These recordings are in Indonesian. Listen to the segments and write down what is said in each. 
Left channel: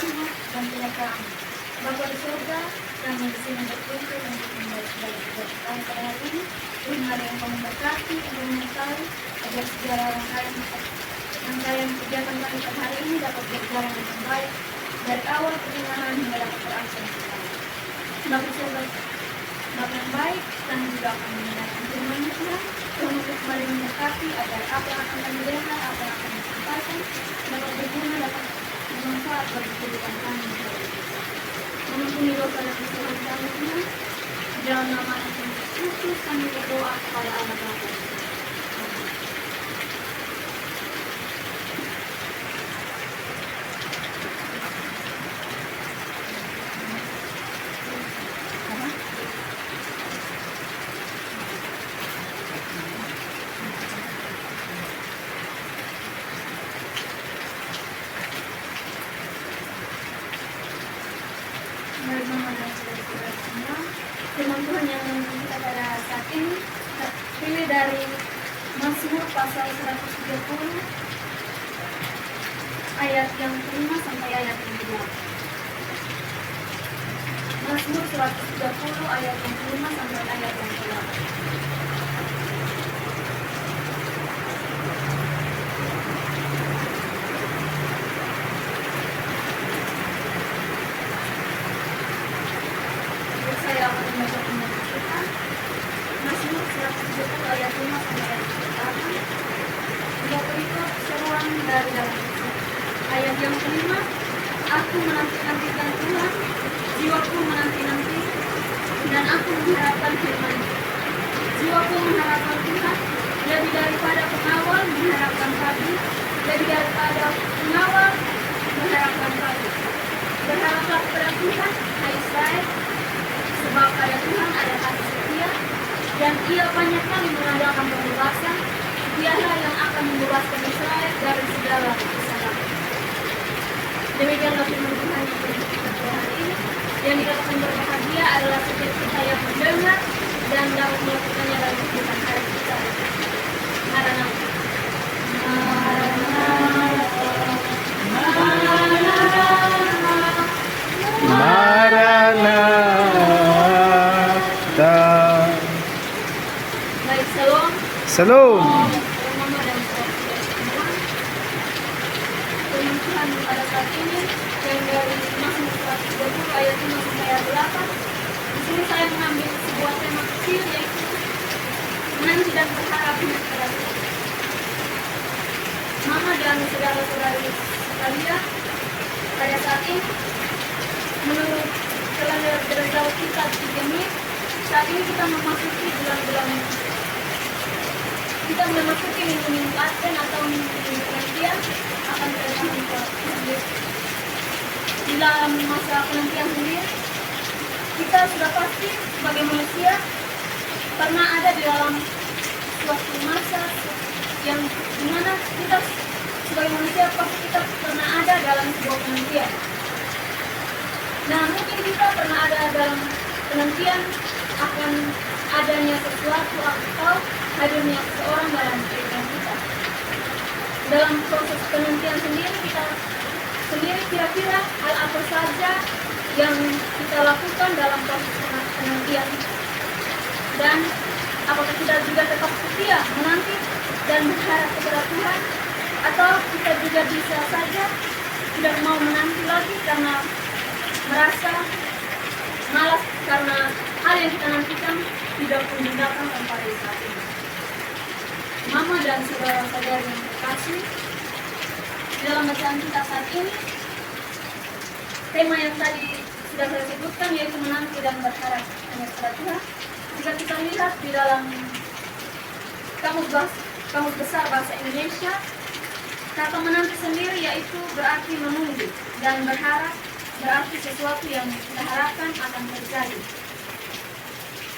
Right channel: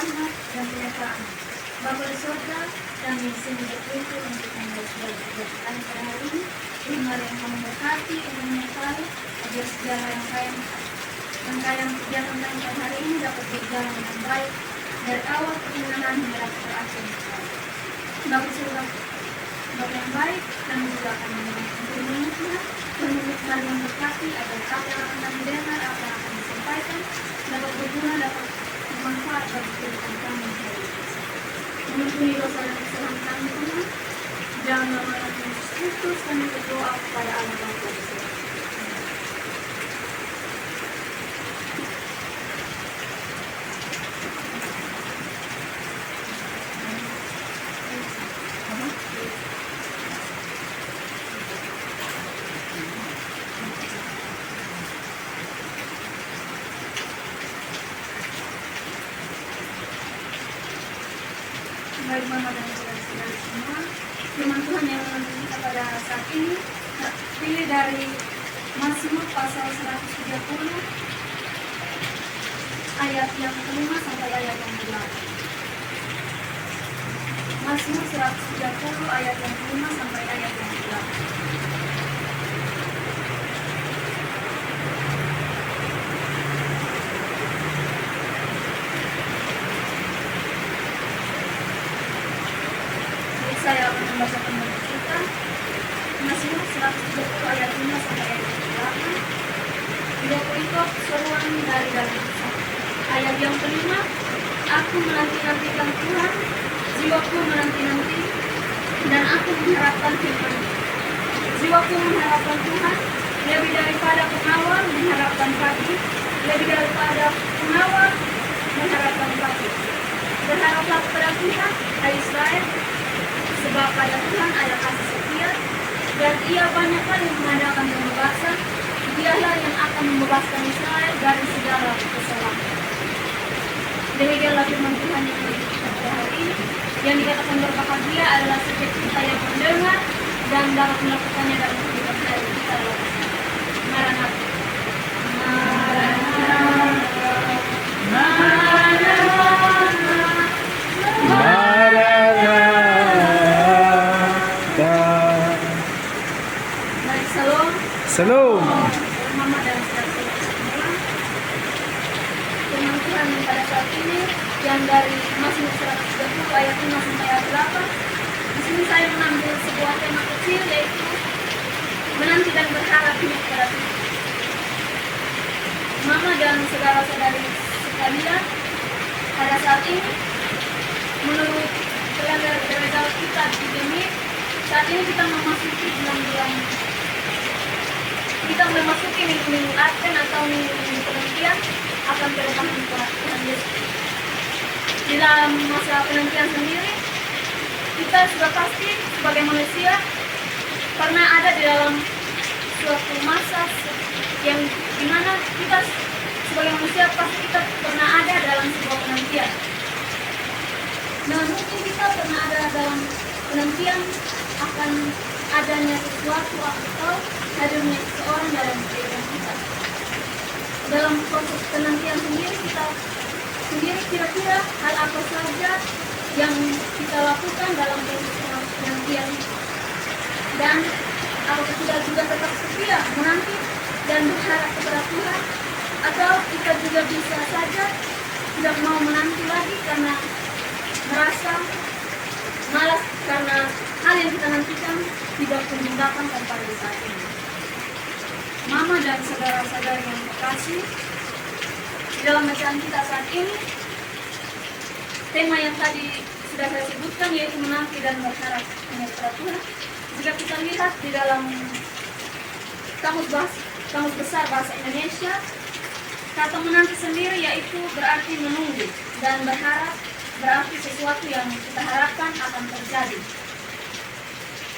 rahmat dan penyertaan Bapa di surga, kami di sini berkumpul untuk membaca keberkahan pada hari ini. Mari yang kamu berkati untuk menyertai agar segala rangkaian kegiatan kami pada hari ini dapat berjalan dengan baik dari awal pertengahan hingga dapat berakhir. Bapa di surga, Bapa yang baik, kami juga akan mendengarkan firman Tuhan. Tuhan mari memberkati agar apa yang akan kami dengar, apa yang akan disampaikan dapat berguna, dapat bermanfaat bagi kehidupan kami hari ini. Mengampuni dosa dan kesalahan kami Tuhan. Dalam nama Tuhan Yesus Kristus kami berdoa kepada Allah Bapa di surga. Baik Mama dan saudara-saudara semua, firman Tuhan yang kita pada saat ini terpilih dari Mazmur pasal 130 ayat yang ke-5 sampai ayat yang ke-8. Mazmur 130 ayat yang ke-5 sampai ayat yang ke-8. Saya akan membacakan bagi kita Mazmur 130 ayat 5 sampai ayat 8. Juga berikut seruan dari dalam Tuhan. Ayat yang kelima, aku menanti-nantikan Tuhan, jiwaku menanti-nanti, dan aku mengharapkan Tuhan. Jiwaku mengharapkan Tuhan, lebih daripada pengawal mengharapkan pagi, lebih daripada pengawal mengharapkan pagi. Berharaplah kepada Tuhan, hai Israel, sebab pada Tuhan ada kasih setia, dan Ia banyak kali mengadakan pembebasan. Dialah yang akan membebaskan Israel dari segala kesalahan. Demikianlah firman Tuhan yang kita hari ini. Yang dikatakan berbahagia adalah setiap kita yang mendengar dan dapat melakukannya dalam kehidupan hari kita. Maranatha. Shalom. Mama dan saudara-saudara semua, firman Tuhan pada saat ini yang dari Mazmur 130 ayat 5 sampai ayat 8. Di sini saya mengambil sebuah tema kecil, yaitu menanti dan berharap kepada Tuhan. Mama dan saudara-saudari sekalian, pada saat ini menurut kalender gereja kita di Gemir, saat ini kita memasuki bulan-bulan, kita memasuki minggu-minggu Advent atau minggu-minggu penantian akan kedatangan Tuhan Yesus. Di dalam masa penantian sendiri, kita sudah pasti sebagai manusia pernah ada di dalam suatu masa yang dimana kita sebagai manusia pasti kita pernah ada dalam sebuah penantian. Nah, mungkin kita pernah ada dalam penantian akan adanya sesuatu atau hadirnya seseorang dalam kehidupan kita. Dalam proses penantian sendiri, kita sendiri kira-kira hal apa saja yang kita lakukan dalam proses penantian, dan apakah kita juga tetap setia menanti dan berharap kepada Tuhan, atau kita juga bisa saja tidak mau menanti lagi karena merasa malas karena hal yang kita nantikan tidak kunjung datang pada saat ini. Mama dan saudara-saudari yang terkasih, dalam bacaan kita saat ini, tema yang tadi sudah saya sebutkan yaitu menanti dan berharap hanya kepada Tuhan. Jika kita lihat di dalam kamus besar bahasa Indonesia, kata menanti sendiri yaitu berarti menunggu, dan berharap berarti sesuatu yang kita harapkan akan terjadi.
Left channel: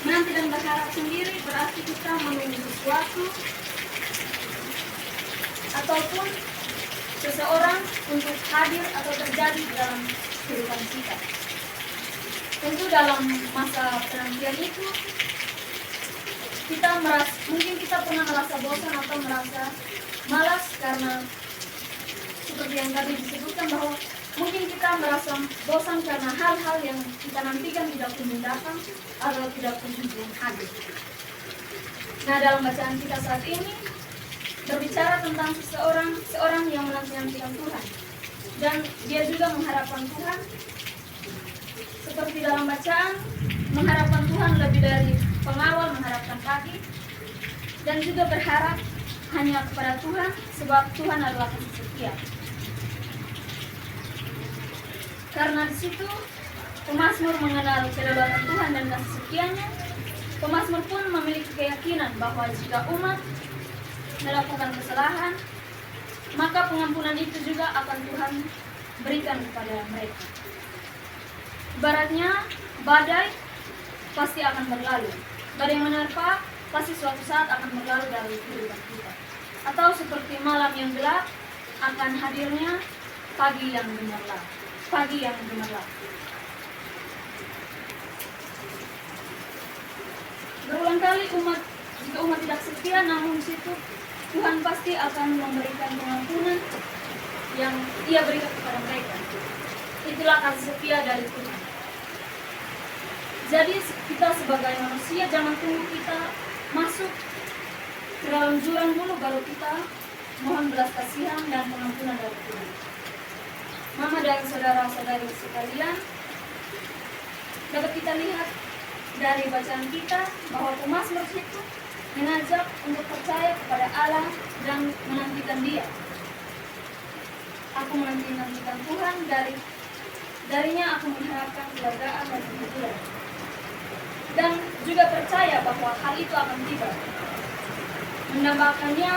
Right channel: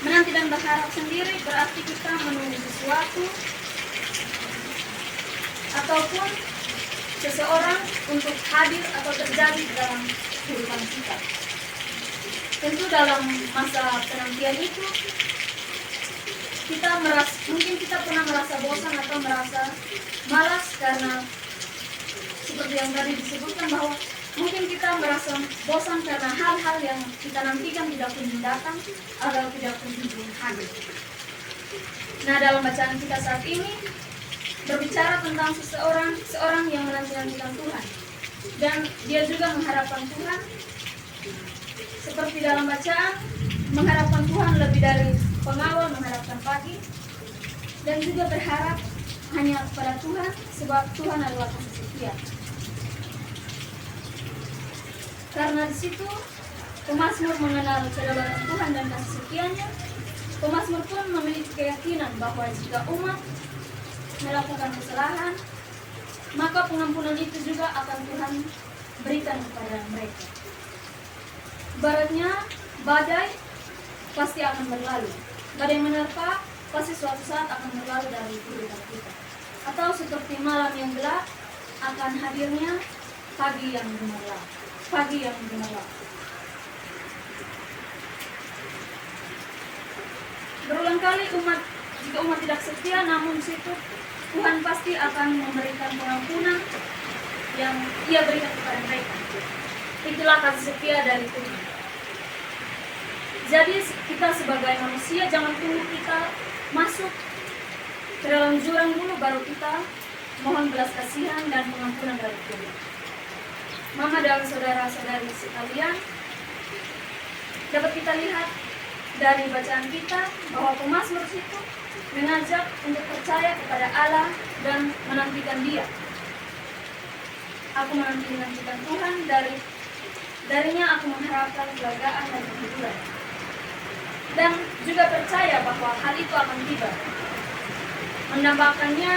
Menanti dan berharap sendiri berarti kita menunggu sesuatu ataupun seseorang untuk hadir atau terjadi dalam kehidupan kita. Tentu dalam masa penantian itu mungkin kita pernah merasa bosan atau merasa malas karena seperti yang tadi disebutkan bahwa mungkin kita kita merasa bosan karena hal-hal yang kita nantikan tidak kunjung datang atau tidak kunjung hadir. Nah, dalam bacaan kita saat ini berbicara tentang seorang yang menanti-nantikan Tuhan, dan dia juga mengharapkan Tuhan. Seperti dalam bacaan, mengharapkan Tuhan lebih dari pengawal mengharapkan pagi, dan juga berharap hanya kepada Tuhan, sebab Tuhan adalah kasih setia. Karena di situ pemazmur mengenal kedaulatan Tuhan dan kasih setianya, pemazmur pun memiliki keyakinan bahwa jika umat melakukan kesalahan, maka pengampunan itu juga akan Tuhan berikan kepada mereka. Ibaratnya badai pasti akan berlalu, badai menerpa pasti suatu saat akan berlalu dari kehidupan kita. Atau seperti malam yang gelap akan hadirnya pagi yang gemerlap. Berulang kali jika umat tidak setia, namun di situ Tuhan pasti akan memberikan pengampunan yang Ia berikan kepada mereka. Itulah kasih setia dari Tuhan. Jadi kita sebagai manusia jangan tunggu kita masuk ke dalam jurang dulu baru kita mohon belas kasihan dan pengampunan dari Tuhan. Mama dan saudara-saudari sekalian, dapat kita lihat dari bacaan kita bahwa pemazmur itu mengajak untuk percaya kepada Allah dan menantikan Dia. Aku menantikan Tuhan, darinya aku mengharapkan kelegaan dan kehidupan. Dan juga percaya bahwa hal itu akan tiba. Menambahkannya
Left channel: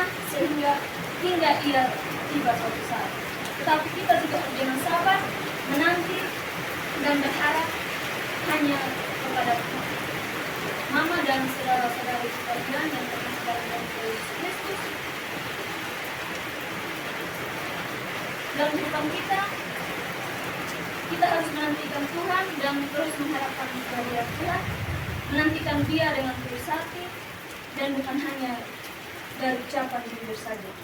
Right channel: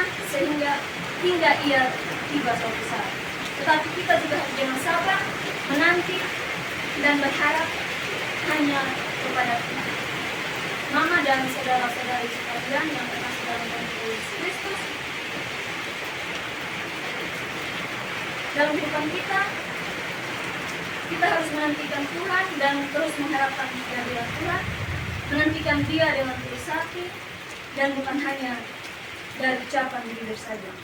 hingga ia tiba suatu saat. Tetapi kita juga harus jangan sabar, menanti, dan berharap hanya kepada Tuhan. Mama dan saudara-saudari sekalian yang terkasih dalam Yesus Kristus, dalam kehidupan kita harus menantikan Tuhan dan terus mengharapkan kehadiran Tuhan, menantikan Dia dengan tulus hati dan bukan hanya dari ucapan bibir saja.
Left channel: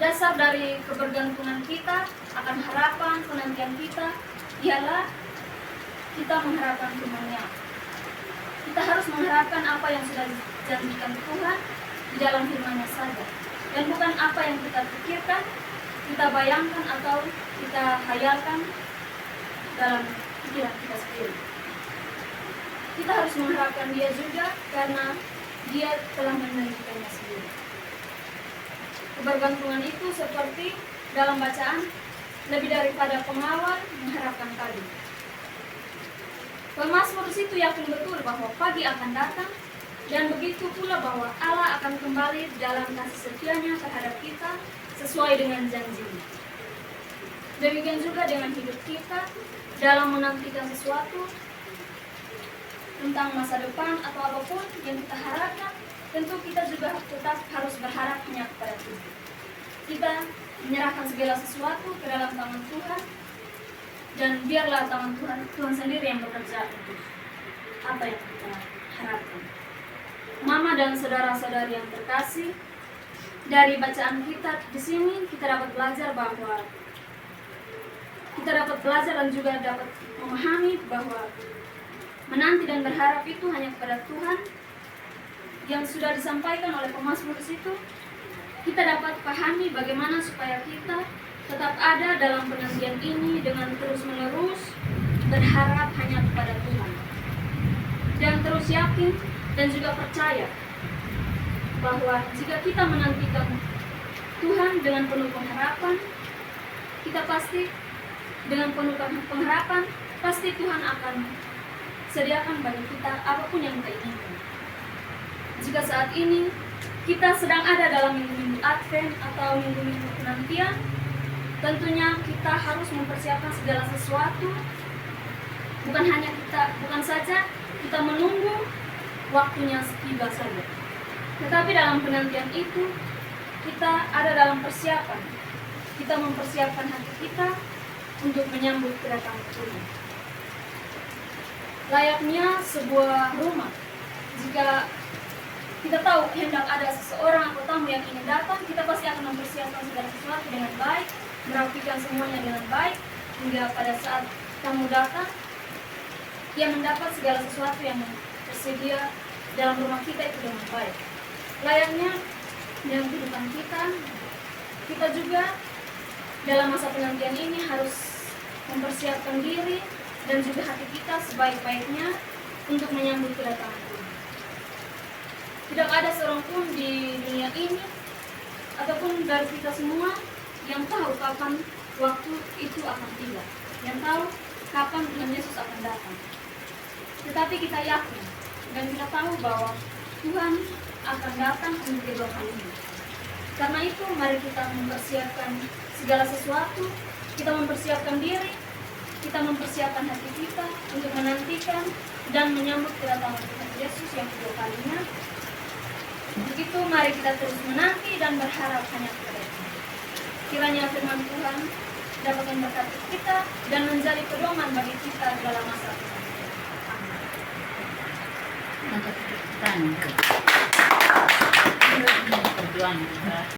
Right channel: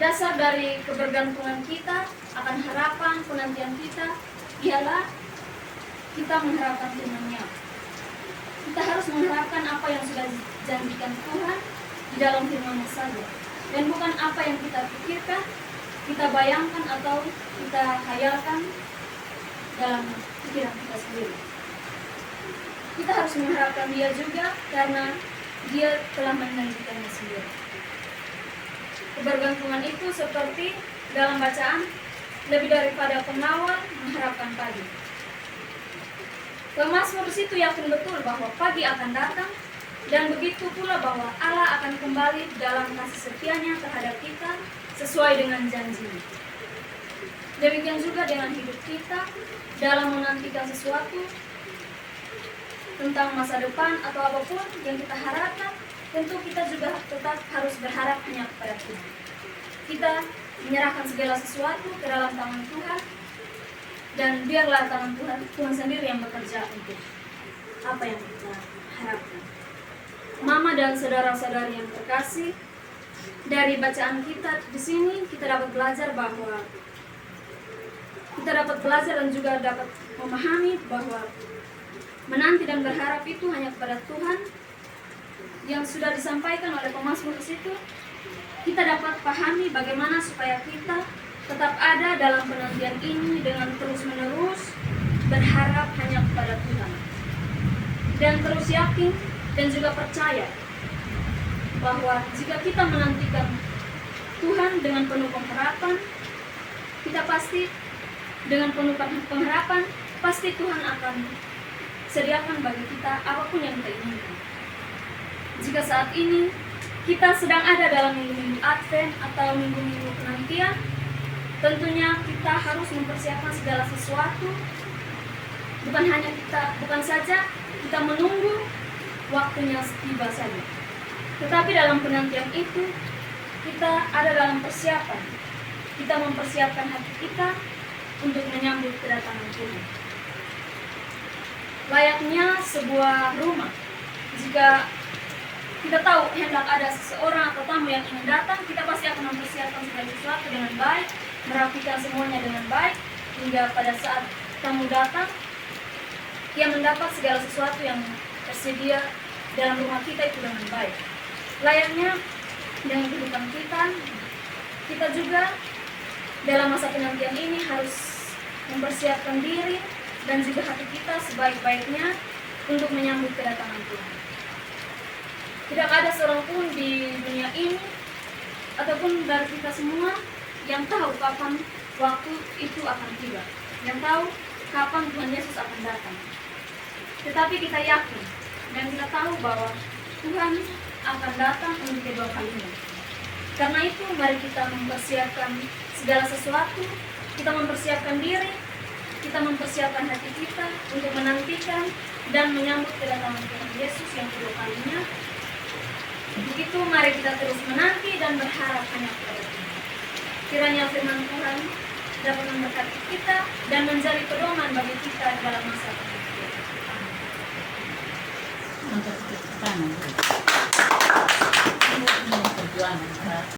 Dasar dari kebergantungan kita akan harapan penantian kita ialah kita mengharapkan firman-Nya. Kita harus mengharapkan apa yang sudah dijanjikan Tuhan di dalam firman-Nya saja, dan bukan apa yang kita pikirkan, kita bayangkan atau kita khayalkan dalam pikiran kita sendiri. Kita harus mengharapkan Dia juga karena Dia telah menjanjikannya sendiri. Kebergantungan itu seperti dalam bacaan, lebih daripada pengawal mengharapkan pagi. Pemazmur situ yakin betul bahwa pagi akan datang, dan begitu pula bahwa Allah akan kembali dalam kasih setianya terhadap kita sesuai dengan janji-Nya. Demikian juga dengan hidup kita dalam menantikan sesuatu tentang masa depan atau apapun yang kita harapkan, tentu kita juga tetap harus berharap hanya kepada Tuhan. Kita menyerahkan segala sesuatu ke dalam tangan Tuhan, dan biarlah tangan Tuhan sendiri yang bekerja untuk apa yang kita harapkan. Mama dan saudara-saudari yang terkasih, dari bacaan kita di sini kita dapat belajar dan juga dapat memahami bahwa menanti dan berharap itu hanya kepada Tuhan yang sudah disampaikan oleh pemazmur di situ. Kita dapat pahami bagaimana supaya kita tetap ada dalam penantian ini dengan terus-menerus berharap hanya kepada Tuhan, dan terus yakin dan juga percaya bahwa jika kita menantikan Tuhan dengan penuh pengharapan, kita pasti dengan penuh pengharapan pasti Tuhan akan sediakan bagi kita apapun yang kita inginkan. Jika saat ini kita sedang ada dalam minggu-minggu Advent atau minggu-minggu penantian, tentunya kita harus mempersiapkan segala sesuatu. Bukan saja kita menunggu waktunya tiba saja, tetapi dalam penantian itu kita ada dalam persiapan. Kita mempersiapkan hati kita untuk menyambut kedatangan Tuhan. Layaknya sebuah rumah, jika kita tahu hendak ada seseorang atau tamu yang ingin datang, kita pasti akan mempersiapkan segala sesuatu dengan baik, merapikan semuanya dengan baik, hingga pada saat tamu datang, ia mendapat segala sesuatu yang tersedia dalam rumah kita itu dengan baik. Layaknya dengan kehidupan kita, kita juga dalam masa penantian ini harus mempersiapkan diri dan juga hati kita sebaik-baiknya untuk menyambut kedatangan Tuhan. Tidak ada seorang pun di dunia ini ataupun dari kita semua yang tahu kapan waktu itu akan tiba, yang tahu kapan Tuhan Yesus akan datang. Tetapi kita yakin dan kita tahu bahwa Tuhan akan datang untuk kedua kalinya. Karena itu mari kita mempersiapkan segala sesuatu, kita mempersiapkan diri, kita mempersiapkan hati kita untuk menantikan dan menyambut kedatangan Tuhan Yesus yang kedua kalinya. Begitu mari kita terus menanti dan berharap hanya kepada Tuhan. Kiranya firman Tuhan dapat memberkati kita dan menjadi pedoman bagi kita dalam masa penantian. Amin. Perjuangan